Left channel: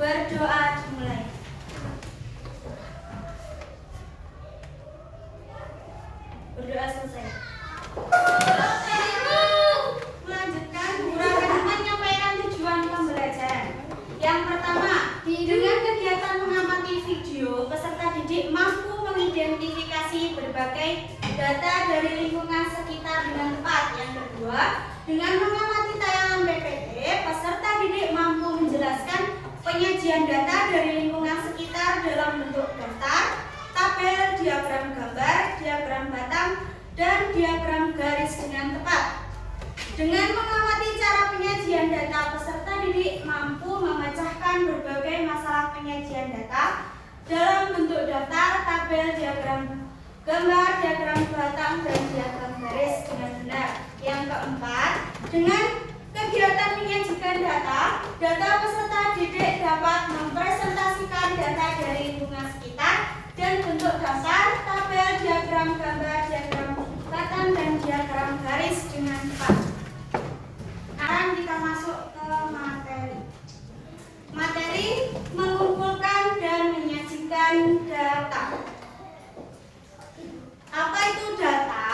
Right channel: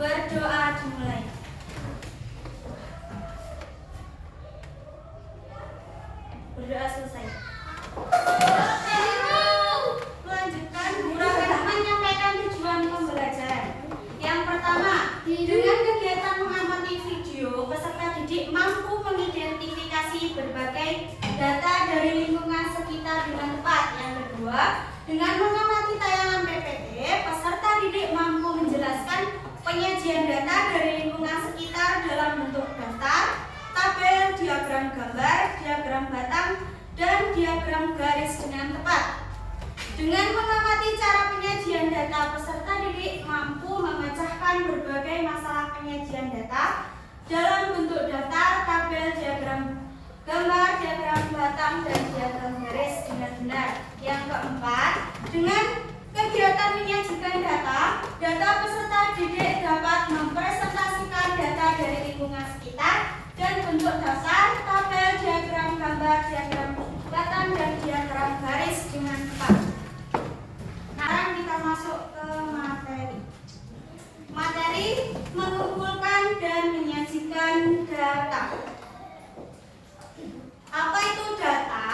Berdoa dimulai. Berdoa selesai. Melanjutkan guru menyampaikan tujuan pembelajaran. Yang pertama, dengan kegiatan mengamati video, peserta didik mampu mengidentifikasi berbagai data dari lingkungan sekitar dengan tepat. Yang kedua, dengan mengamati tayangan PPT, peserta didik mampu menjelaskan penyajian data dari lingkungan sekitar dalam bentuk daftar, tabel, diagram gambar, diagram batang, dan diagram garis dengan tepat. Dengan mengamati cara penyajian data, peserta didik mampu memecahkan berbagai masalah penyajian data dalam bentuk daftar, tabel, diagram gambar, diagram batang, dan diagram garis dengan benar. Yang keempat, dengan kegiatan menyajikan data peserta didik dapat mempresentasikan data dari lingkungan sekitar dan bentuk daftar, tabel, diagram gambar, diagram batang, dan diagram garis dengan tepat. Sekarang kita masuk ke materi. Materi mengumpulkan dan menyajikan data. Apa itu data?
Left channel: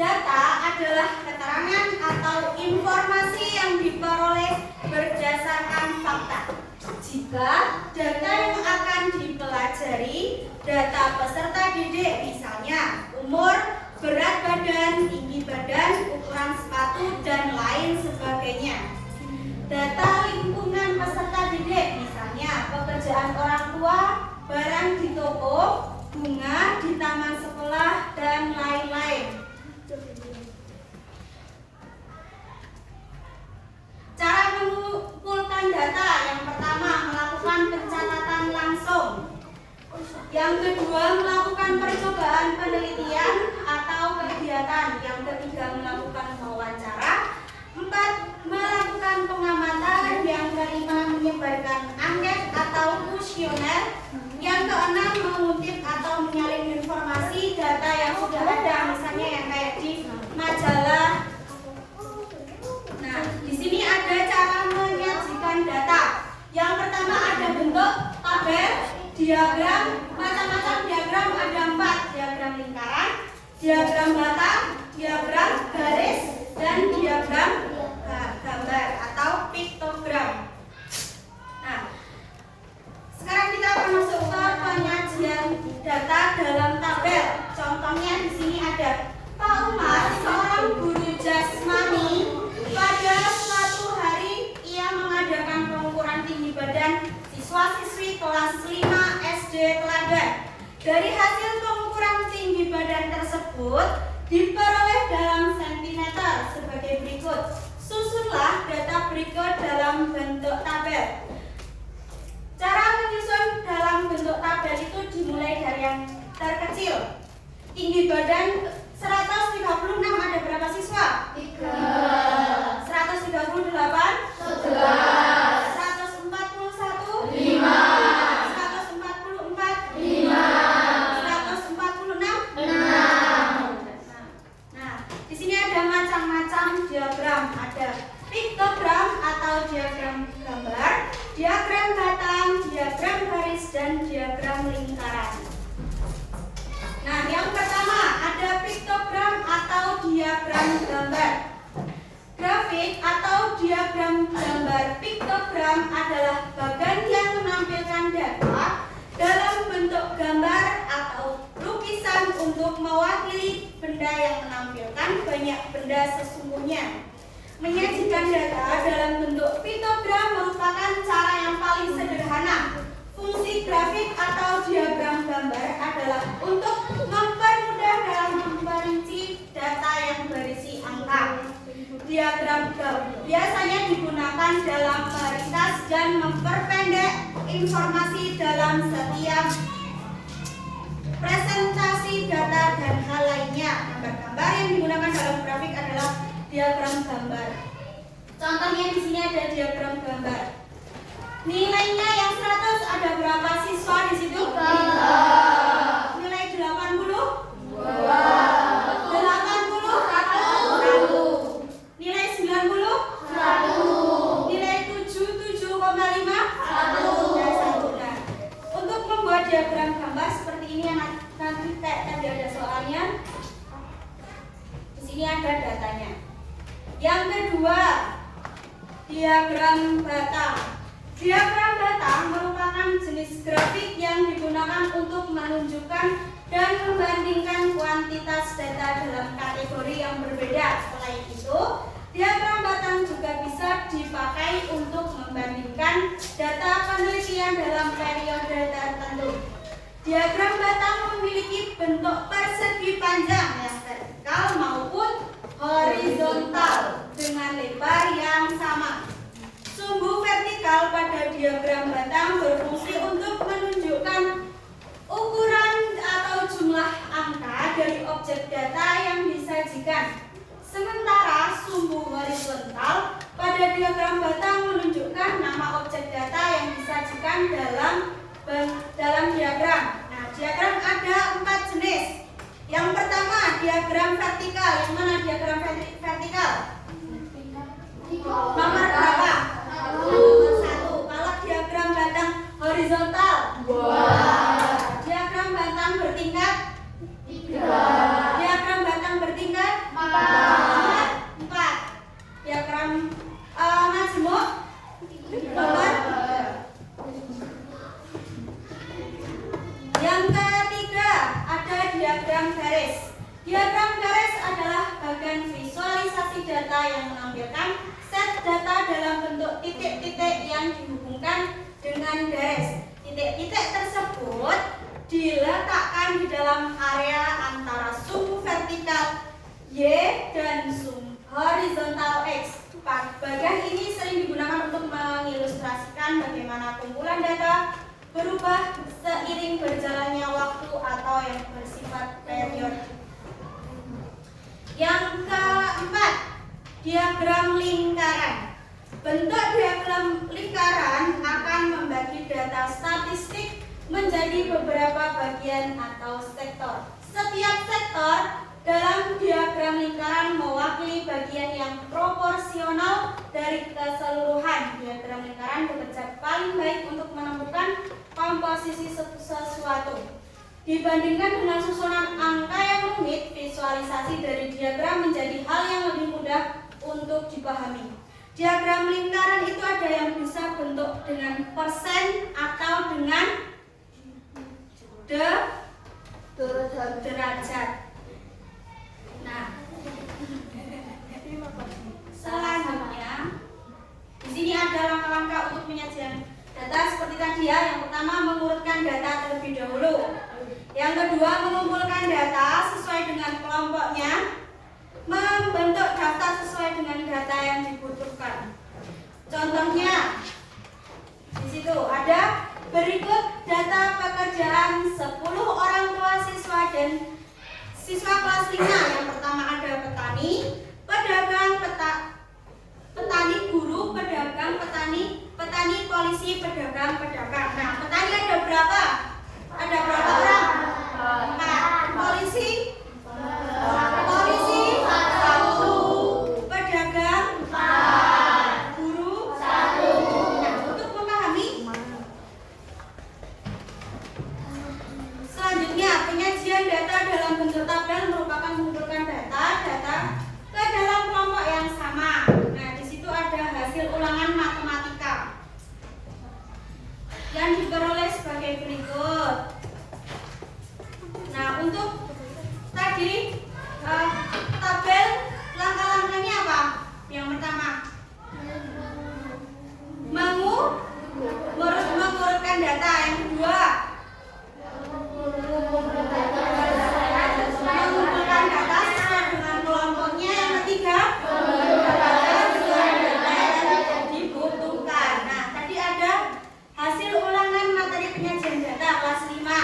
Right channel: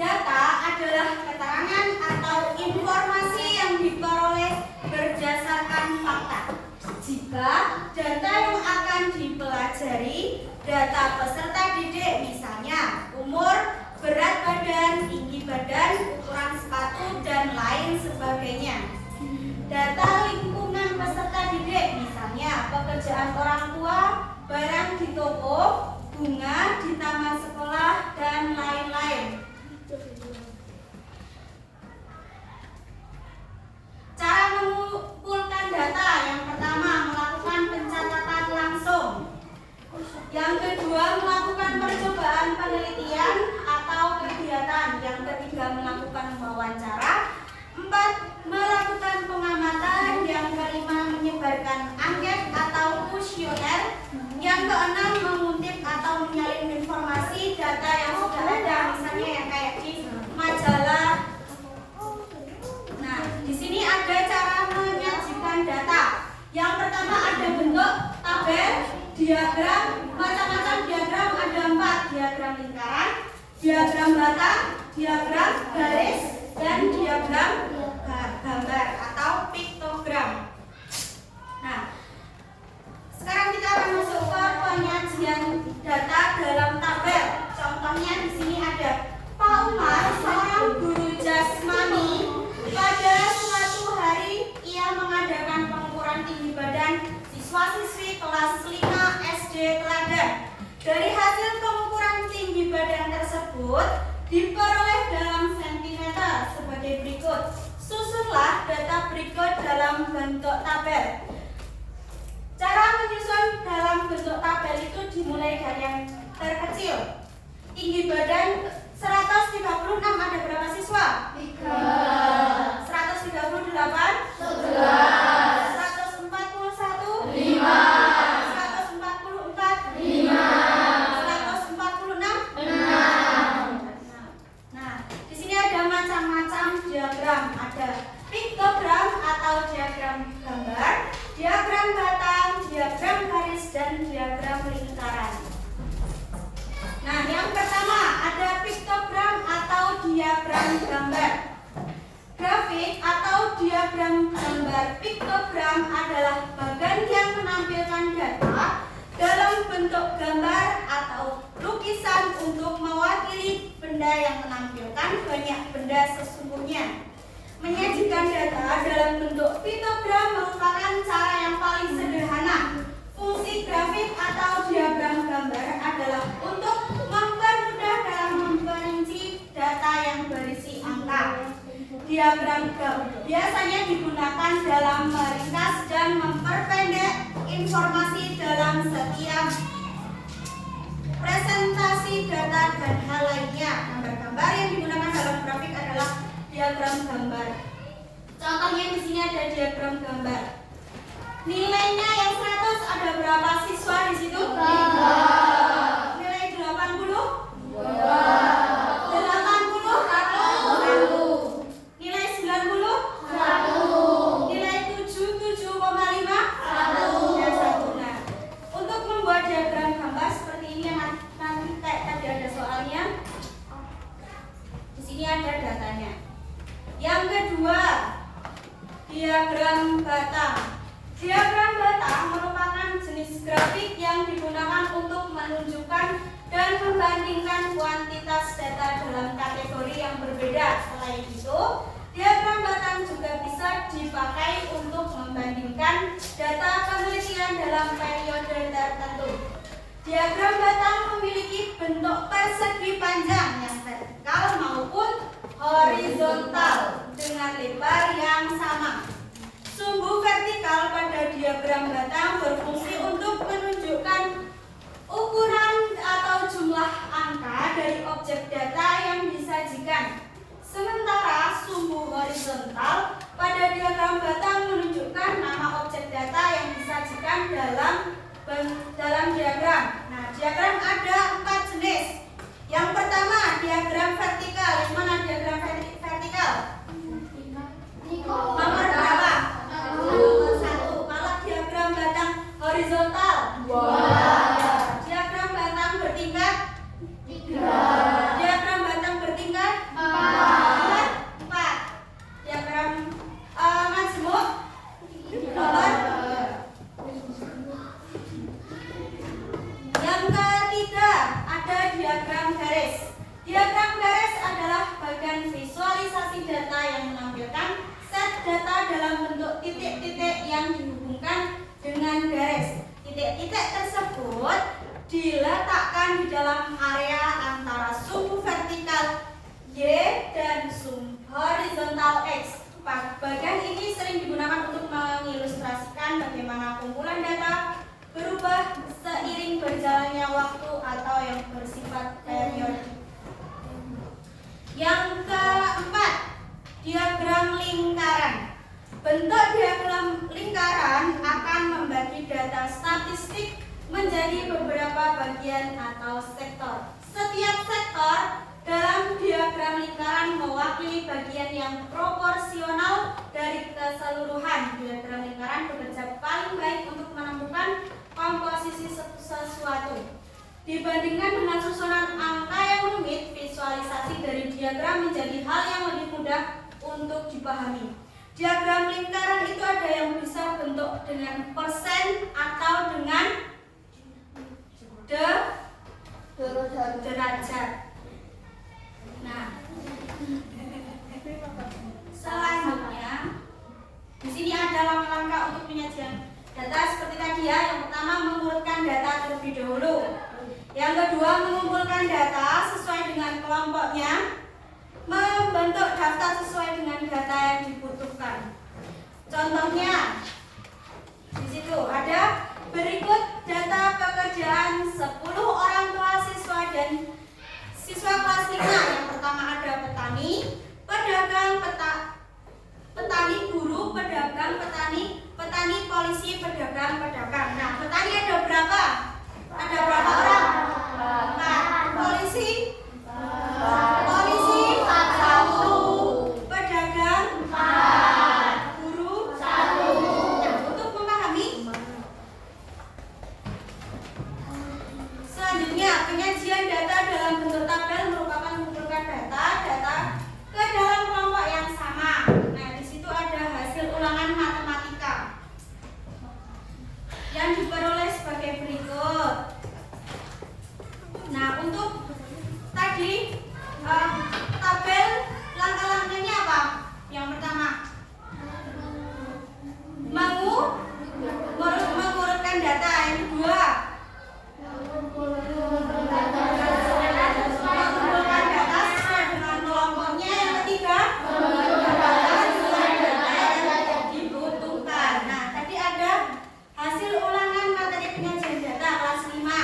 Data adalah keterangan atau informasi yang diperoleh berdasarkan fakta. Jika data yang akan dipelajari data peserta didik, misalnya umur, berat badan, tinggi badan, ukuran sepatu, dan lain sebagainya. Data lingkungan peserta didik, misalnya pekerjaan orang tua, barang di toko, bunga di taman sekolah, dan lain-lain. Cara mengumpulkan data: yang pertama, melakukan pencatatan langsung. Yang kedua, melakukan percobaan penelitian atau kegiatan. Yang ketiga, melakukan wawancara. 4, melakukan pengamatan. Yang kelima, menyebarkan angket atau kuesioner. Yang keenam, mengutip atau menyalin informasi data yang sudah ada, misalnya yang kayak di majalah. Nah, di sini ada cara menyajikan data. Yang pertama, ada bentuk tabel, diagram, macam-macam diagram, ada 4, diagram lingkaran, diagram batang, diagram garis, dan diagram gambar atau piktogram. Nah, sekarang kita akan masuk ke penyajian data dalam tabel. Contohnya di sini ada Pak Umar, seorang guru jasmani. Pada suatu hari ia mengadakan pengukuran tinggi badan siswa-siswi kelas 5 SD Teladan. Dari hasil pengukuran tinggi badan tersebut diperoleh dalam sentimeter sebagai berikut. Susunlah data berikut dalam bentuk tabel. Cara menyusun dalam bentuk tabel itu dimulai dari yang terkecil. Tinggi badan 136, ada berapa siswa? 3. 138? 11. 141? 5. 144? 5. 146? 6. Nah, di sini ada macam-macam diagram. Ada piktogram atau diagram gambar, diagram batang, diagram garis, dan diagram lingkaran. Nah, yang pertama ada piktogram atau diagram gambar. Grafik atau diagram gambar piktogram adalah bagan yang menampilkan data dalam bentuk gambar atau lukisan untuk mewakili benda yang menampilkan banyak benda sesungguhnya. Menyajikan data dalam bentuk piktogram merupakan cara yang paling sederhana. Fungsi grafik atau diagram gambar adalah untuk mempermudah dalam memperinci data yang berisi angka. Diagram biasanya digunakan dalam meringkas dan memperpendek informasi dalam setiap presentasi data dan hal lainnya. Gambar-gambar yang digunakan dalam grafik adalah diagram gambar. Contohnya di sini ada diagram gambar. Nilainya yang 100, ada berapa siswa di situ? 3. Nilai 80? 2. 80? 1. Nilai 90? 1. Nilai 7, 7,5? 1. jenis grafik yang digunakan untuk menunjukkan dan membandingkan kuantitas data dalam kategori yang berbeda. Selain itu, diagram batang juga bisa dipakai untuk membandingkan data penelitian dalam periode tertentu. Diagram batang memiliki bentuk persegi panjang yang vertikal maupun horizontal dengan lebar yang sama. Sumbu vertikal pada diagram batang berfungsi untuk menunjukkan ukuran atau jumlah angka dari objek data yang disajikan. Sementara sumbu horizontal pada diagram batang menunjukkan nama objek data yang disajikan dalam diagram. Nah, diagram ada 4 jenis. Yang pertama, diagram vertikal. Yang mana diagram vertikal? Nomor berapa? Nomor 1. Kalau diagram batang horizontal? 2. Diagram batang bertingkat? 3. Diagram batang bertingkat? 4. Diagram majemuk? Nomor? Yang ketiga, ada diagram garis. Diagram garis adalah bagian visualisasi data yang menampilkan set data dalam bentuk titik-titik yang dihubungkan dengan garis. Titik-titik tersebut diletakkan di dalam area antara sumbu vertikal Y dan sumbu horizontal X. Bagian ini sering digunakan untuk mengilustrasikan bagaimana kumpulan data berubah seiring berjalannya waktu atau yang bersifat periodik. Yang keempat, diagram lingkaran. Bentuk diagram lingkaran akan membagi data statistik menjadi beberapa bagian atau sektor. Setiap sektor dalam diagram lingkaran mewakili bagian yang proporsional dari keseluruhan. Diagram lingkaran bekerja paling baik untuk menemukan komposisi sesuatu. Dibandingkan dengan susunan angka yang rumit, visualisasi dari diagram menjadi hal yang lebih mudah untuk dipahami. Diagram lingkaran itu ada yang bisa bentuk dengan persen atau dengan derajat. Nah, selanjutnya di sini ada langkah-langkah untuk penyajian data seperti tadi ya. Yang pertama, mengurutkan data terlebih dahulu. Yang kedua, mengumpulkan data sesuai dengan kelompoknya. Membentuk daftar sesuai dengan data yang dibutuhkan. Contohnya di situ ada berikut data pekerjaan 10 orang tua siswa dan siswa kelas 5. Yang pertama ada petani, pedagang, petani guru, pedagang, petani polisi, pedagang. Nah, petani ada berapa? Ada berapa orang? 4. Polisi 1, pedagang 4, guru 1. Nah, untuk memahami, selanjutnya penyajian data dalam bentuk tabel merupakan mengumpulkan data ke dalam kelompok yang sama. Nah, di situ ada hasil ulangan matematika yang diperoleh sebagai berikut. Nah, untuk tadi tabel langkah-langkahnya apa? Yang pertama, mengurutkan data. Yang kedua, mengumpulkan data sesuai dengan kelompoknya. Yang ketiga, sesuai data yang dibutuhkan. Nah, tadi ada hasil ulangan materi penyajian data kelas 5.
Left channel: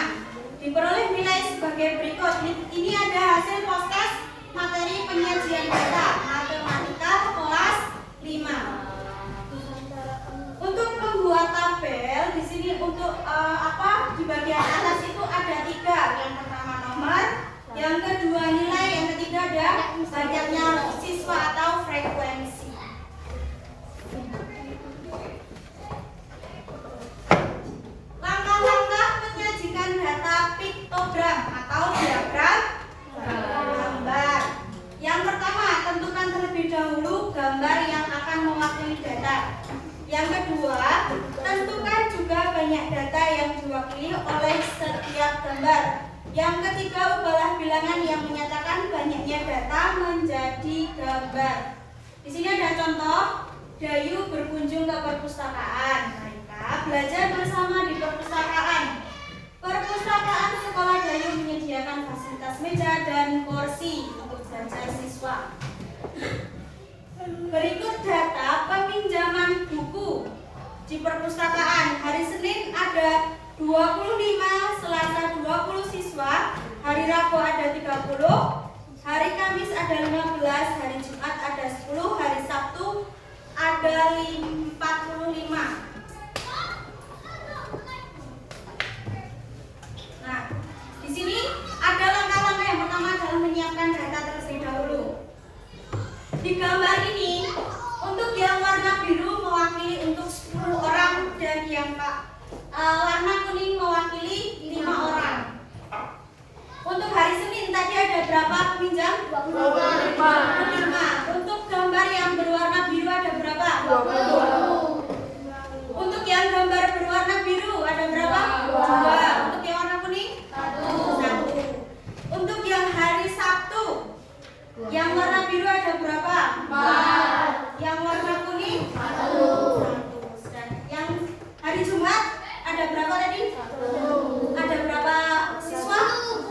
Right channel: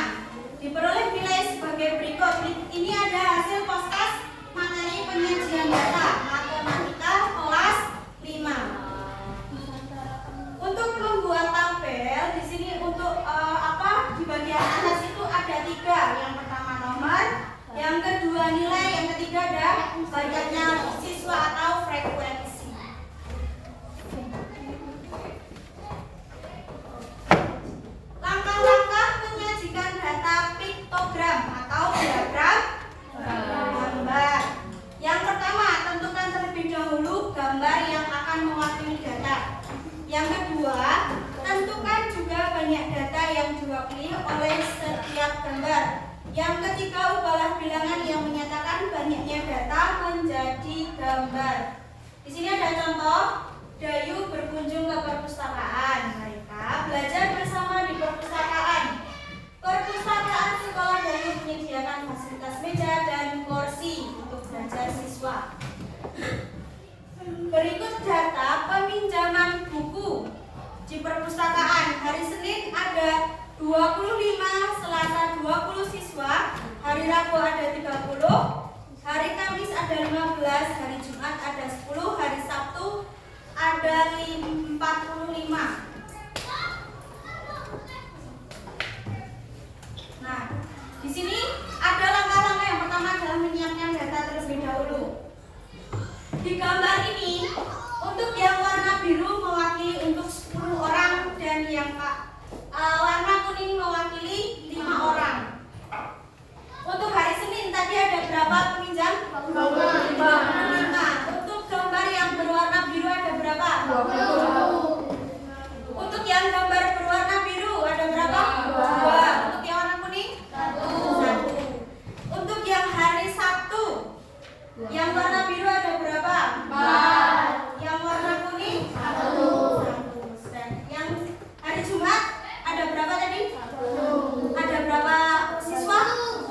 Diperoleh nilai sebagai berikut. Ini ada hasil poskas materi penyajian data matematika kelas 5. Untuk membuat tabel di sini untuk di bagian atas itu ada 3. Yang pertama nomor, yang kedua nilai, yang ketiga ada banyaknya siswa atau frekuensi. Langkah-langkah menyajikan data piktogram atau diagram gambar. Yang pertama, diwakili oleh setiap gambar. Yang ketiga, ubahlah bilangan yang menyatakan banyaknya data menjadi gambar. Di sini ada contoh, Dayu berkunjung ke perpustakaan. Mereka belajar bersama di perpustakaan. Perpustakaan sekolah Dayu menyediakan fasilitas meja dan kursi untuk belajar siswa. Berikut data peminjaman buku di perpustakaan. Hari Senin ada 25, Selasa 20 siswa, hari Rabu ada 30, hari Kamis ada 15, hari Jumat ada 10, hari Sabtu ada 45. Nah, di sini ada langkah-langkah yang pertama adalah menyiapkan data terlebih dahulu. Di gambar ini, untuk yang warna biru mewakili untuk 10 orang dan yang warna kuning mewakili 5 orang. Untuk hari Senin tadi ada berapa peminjam? 25. Untuk gambar yang berwarna biru ada berapa? 20. Untuk yang gambar berwarna biru ada berapa? 2. Untuk yang warna kuning? 1. Untuk yang hari Sabtu yang warna biru ada berapa? 4. Yang warna kuning? 1. Dan yang hari Jumat ada berapa tadi? 1. Ada berapa siswa?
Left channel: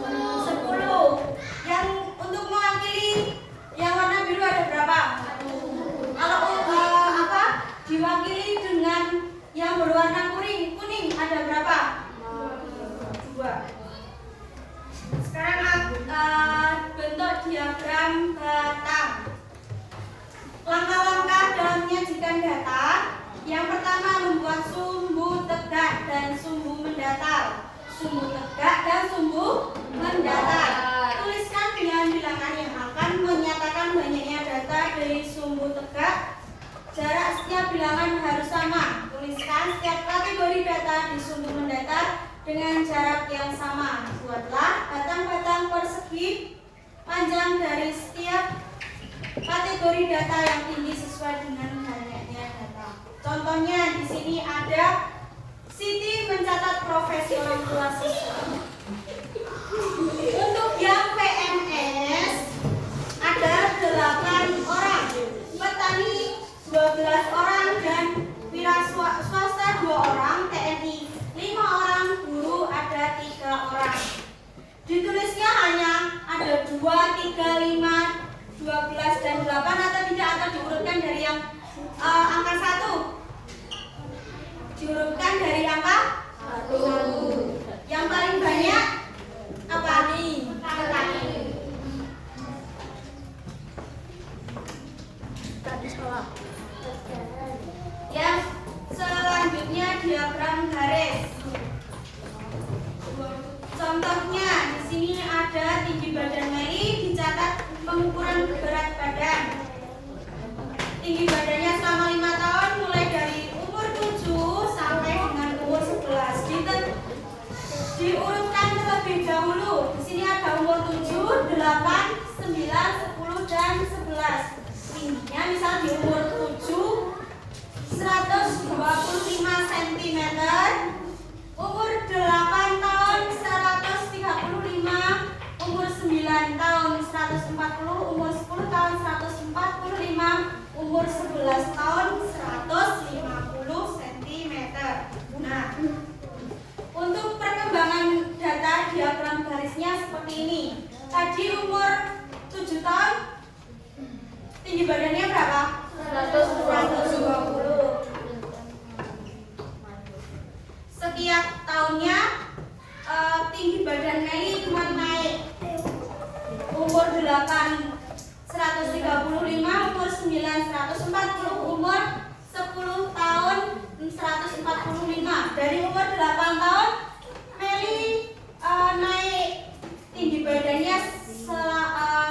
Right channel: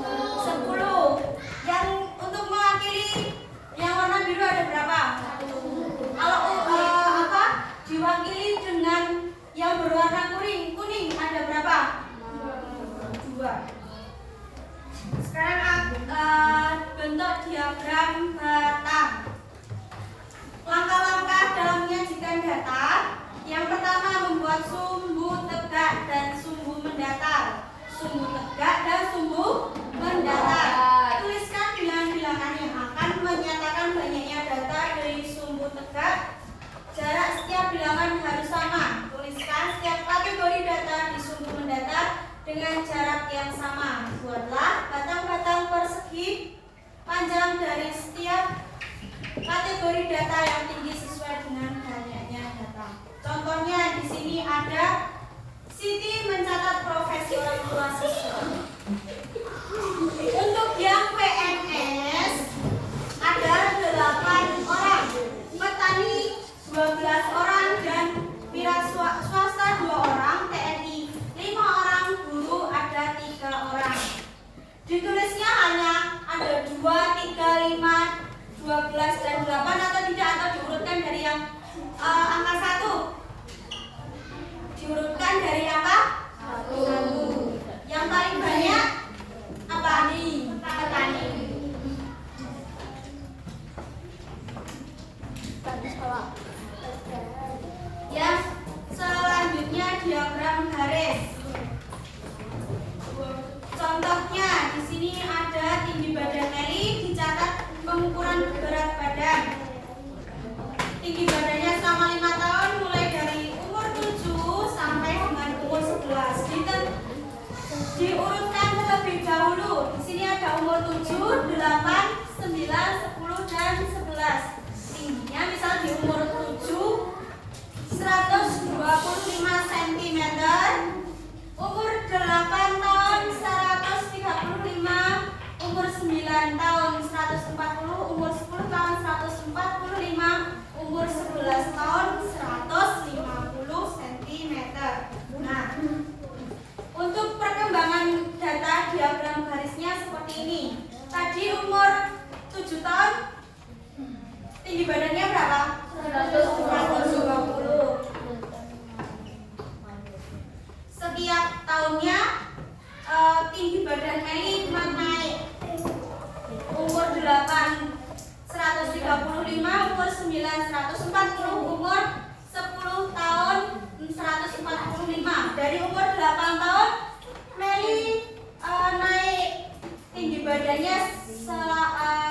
10. Yang untuk mewakili yang warna biru ada berapa? 1. Kalau diwakili dengan yang berwarna kuning ada berapa? 2. Sekarang bentuk diagram batang. Langkah-langkah dalam menyajikan data. Yang pertama, membuat sumbu tegak dan sumbu mendatar. Sumbu tegak dan sumbu mendatar. Tuliskan bilangan-bilangan yang akan menyatakan banyaknya data dari sumbu tegak. Jarak setiap bilangan harus sama. Tuliskan setiap kategori data di sumbu mendatar dengan jarak yang sama. Buatlah batang-batang persegi panjang dari setiap kategori data yang tinggi sesuai dengan banyaknya data. Contohnya di sini ada Siti mencatat profesi orang tua siswa. Untuk yang PNS ada 8 orang, petani 12 orang dan wira swasta 2 orang, TNI 5 orang, guru ada 3 orang. Ditulisnya hanya ada 2, 3, 5, 12 dan 8 atau tidak, atau diurutkan dari yang angka 1. Diurutkan dari angka 1. Yang paling banyak apa? Petani. Yang selanjutnya diagram garis. Contohnya di sini ada tinggi badan Meli, dicatat pengukuran berat badan. Tinggi badannya selama 5 tahun mulai dari umur 7 sampai dengan umur 11. Diurutkan terlebih dahulu. Di sini ada umur 7, 8, 9, 10 dan 11. Tingginya misal di umur 7 125 cm, umur 8 tahun 135, umur 9 tahun 140, umur 10 tahun 145, umur 11 tahun 150 cm. Nah, untuk perkembangan data diagram garisnya seperti ini. Tadi umur 7 tahun, tinggi badannya berapa? 120. Setiap tahunnya tinggi badan Meli naik. Umur 8 135, umur 9 140, umur 10 tahun 145. Dari umur 8 tahun Meli naik tinggi badannya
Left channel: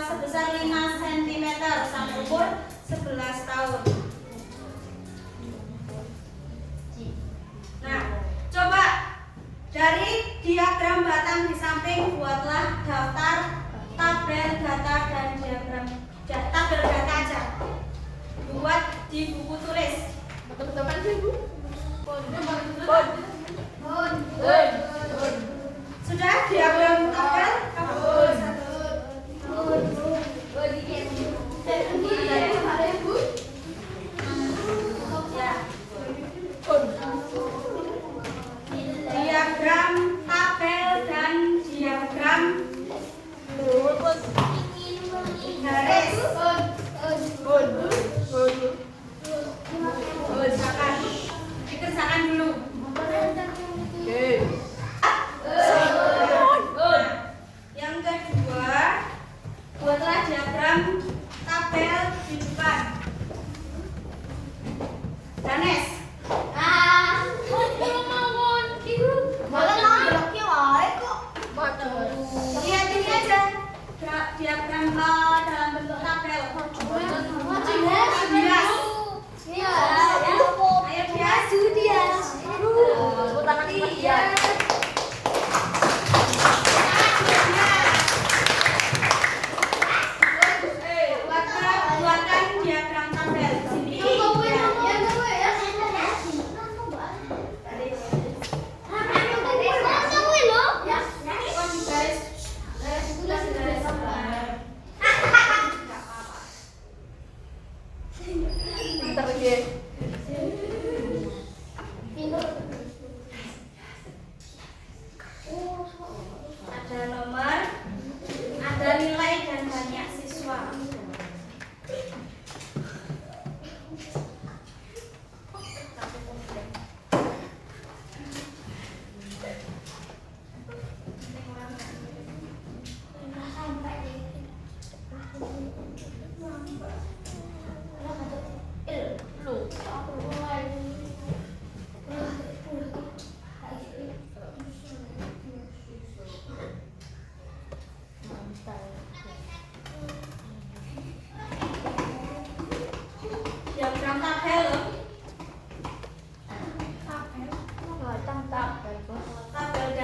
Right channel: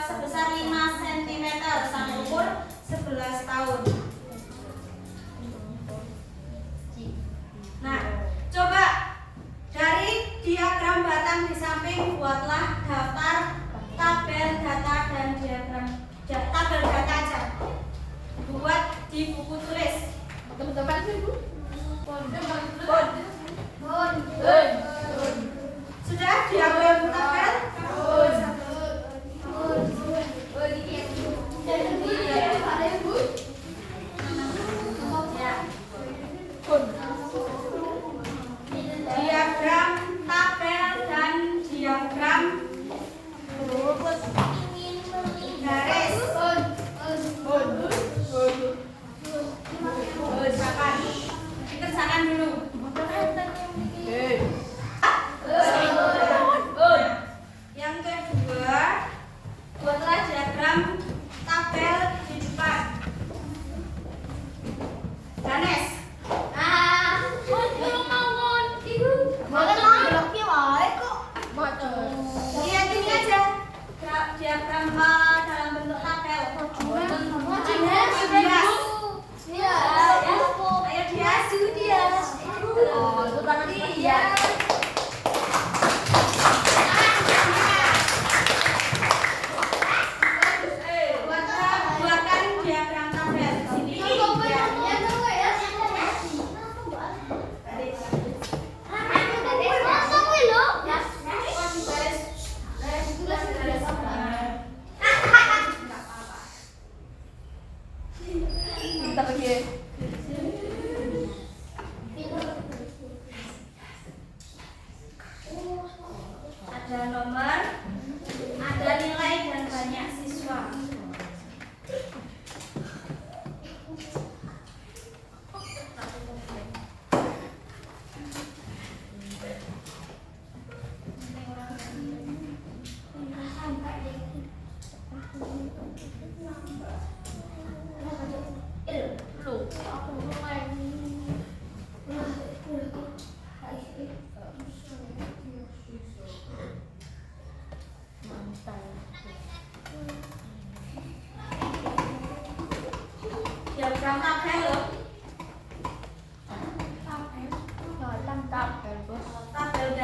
sebesar 5 cm sampai umur 11 tahun. Nah, coba dari diagram batang di samping buatlah daftar tabel data dan diagram tabel data aja. Buat di buku tulis. Betul-betul kan sih, Bu? Bon.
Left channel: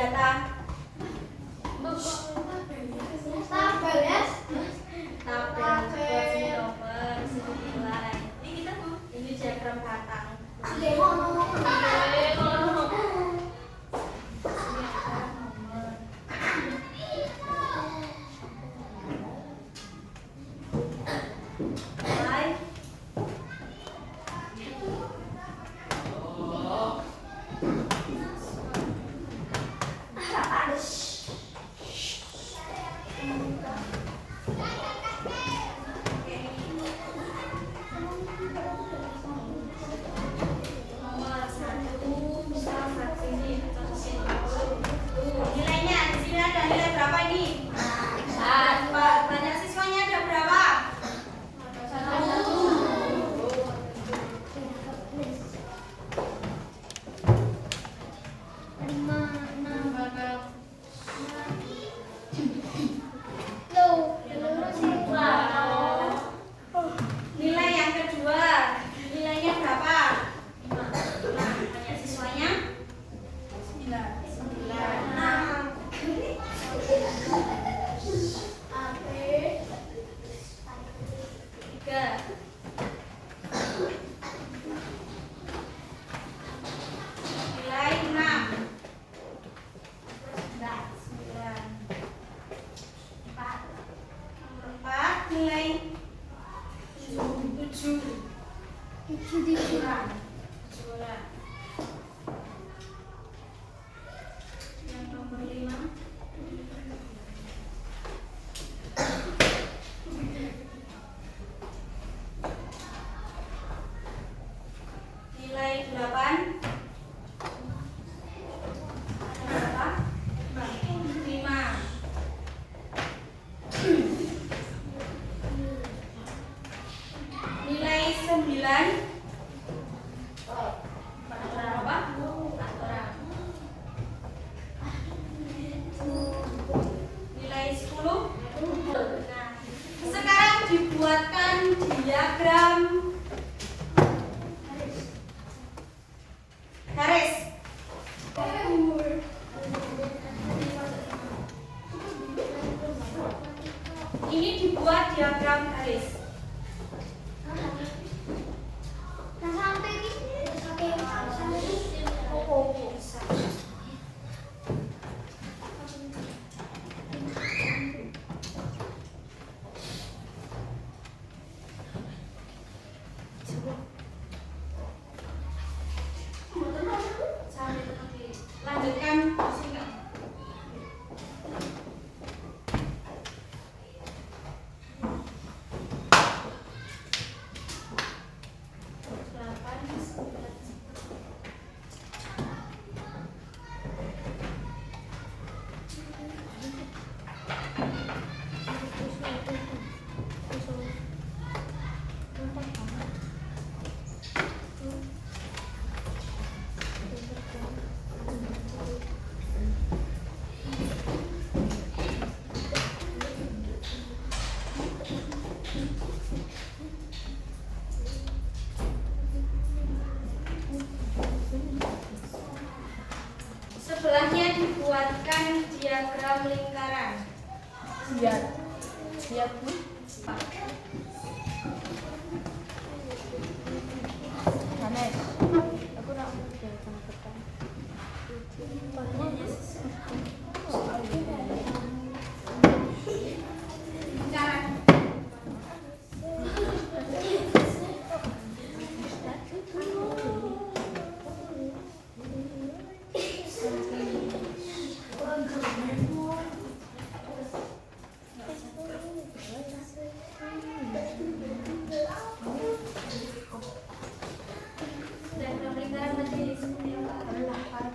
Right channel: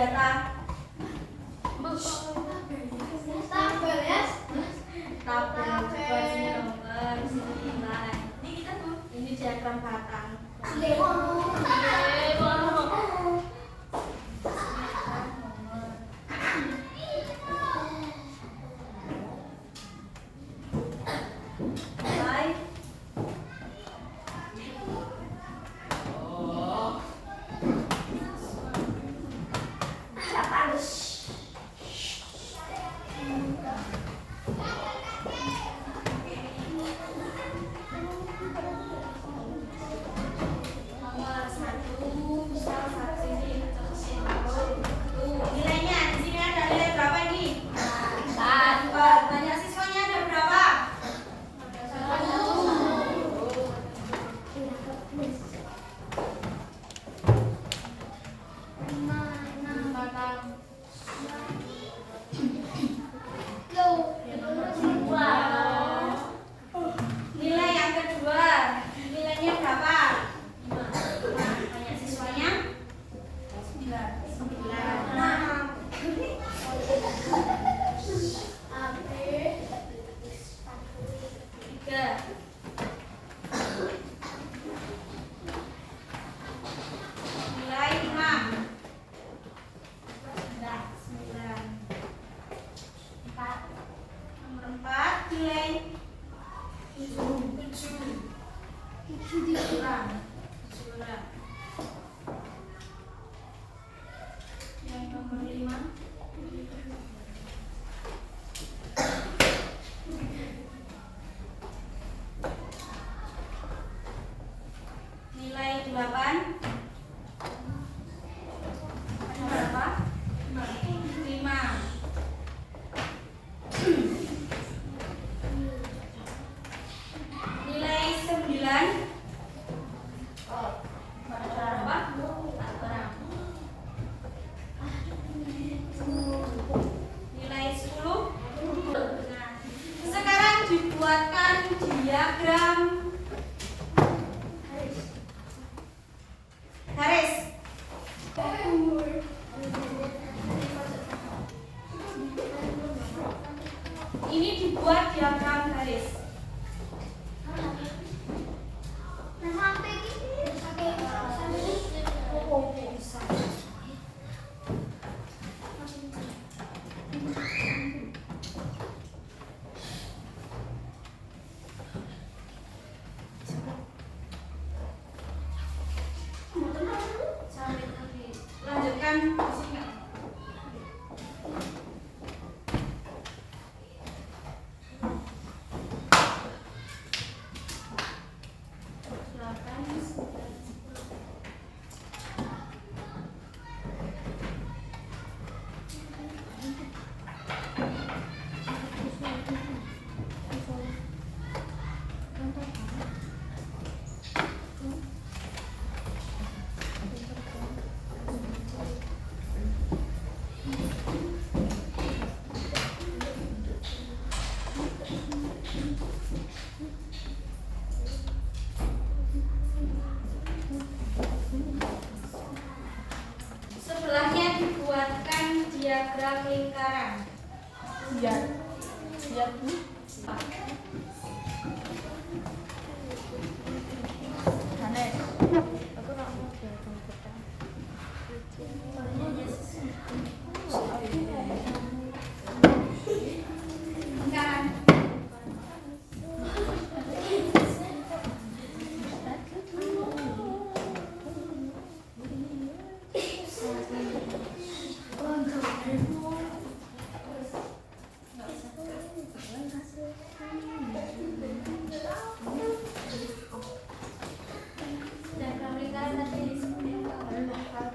data. Tabel buat sini nomor, sini nilai. Ini kita tuh, ini diagram batang. Nilai. Nomor 1, misal 1 ini. Nilainya di sini ada nilai berapa ini? 4. Banyak siswanya ada berapa? 1. Nilai yang kedua, nilainya berapa? 5. Banyak siswanya? 3. Nilai 6. 9. Nomor 4, nilai 7. Yang nomor 5. Nilai 8. Berapa? 5. Nilai 9. Berapa? 4 orang. Nilai 10. Nah, sekarang dibuatkan diagram garis. Ini dibuat diagram garis. Lanjutkan sini. Sebelahnya dibuatkan diagram lingkaran. Lingkaran. Diagram lingkaran tadi seperti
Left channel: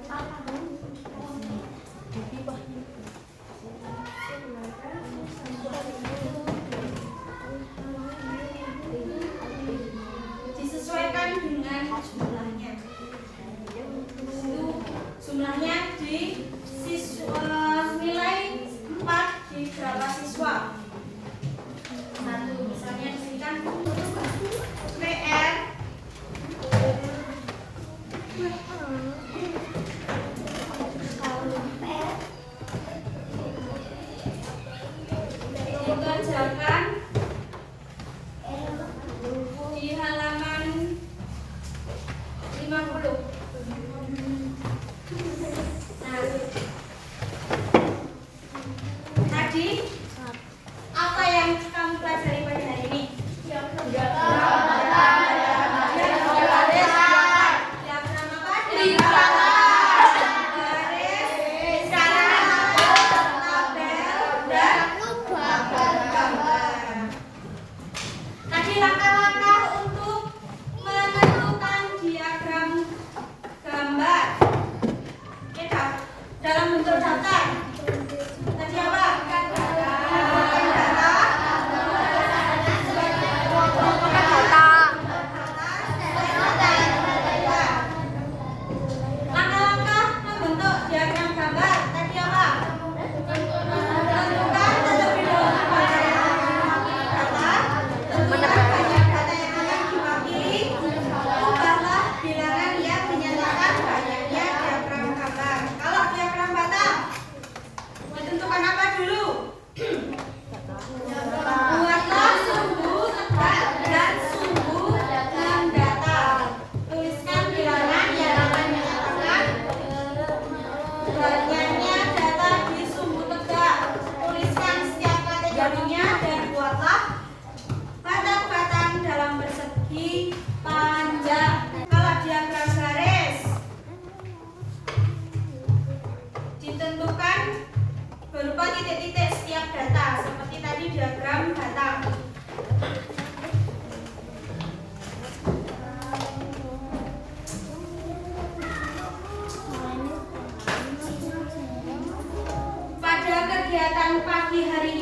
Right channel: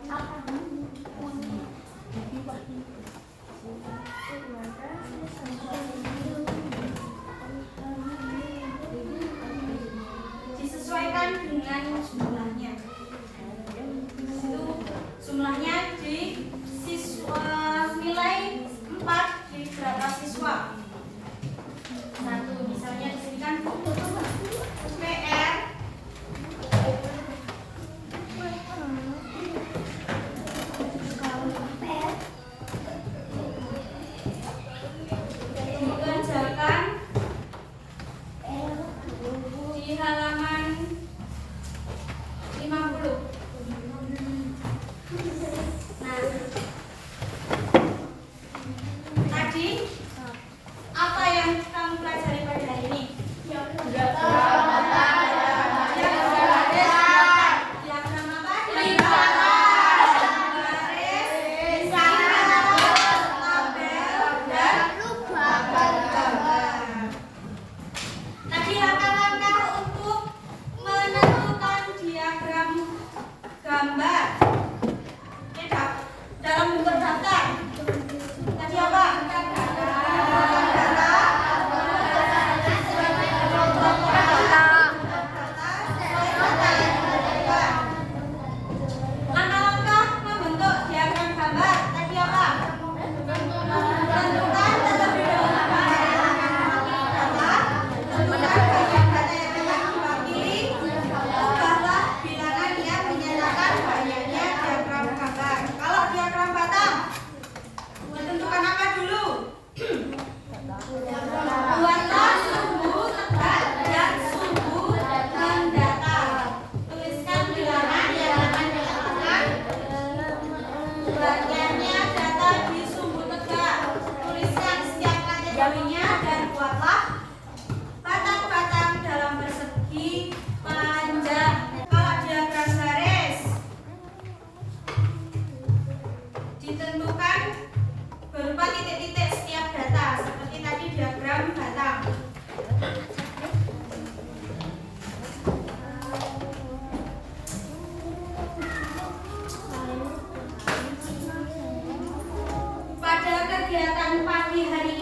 apa? Disesuaikan dengan jumlahnya. Itu jumlahnya di siswa nilai 4 di berapa siswa? 1. Misalnya di sini kan PR dikerjakan di halaman 50. Nah, tadi apa yang kamu pelajari pada hari ini? Tadi langkah-langkah untuk menentukan diagram gambar. Tidak, dalam bentuk daftar. Tadi apa? Langkah-langkah membentuk diagram gambar. Tadi apa? Tentukan terlebih dahulu banyak data. Tentukan banyak data yang akan diwakili. Ubahlah bilangan yang menyatakan banyaknya diagram gambar. Kalau diagram batang, ditentukan apa dulu? Buatlah sumbu tegak dan sumbu mendatar. Tuliskan bilangan yang akan menyatakan banyaknya data di sumbu tegak. Tuliskan setiap kategorinya dan buatlah batang-batang dalam persegi panjang. Kalau diagram garis, ditentukan berupa titik-titik setiap data seperti tadi diagram batang. Pada kegiatan pagi hari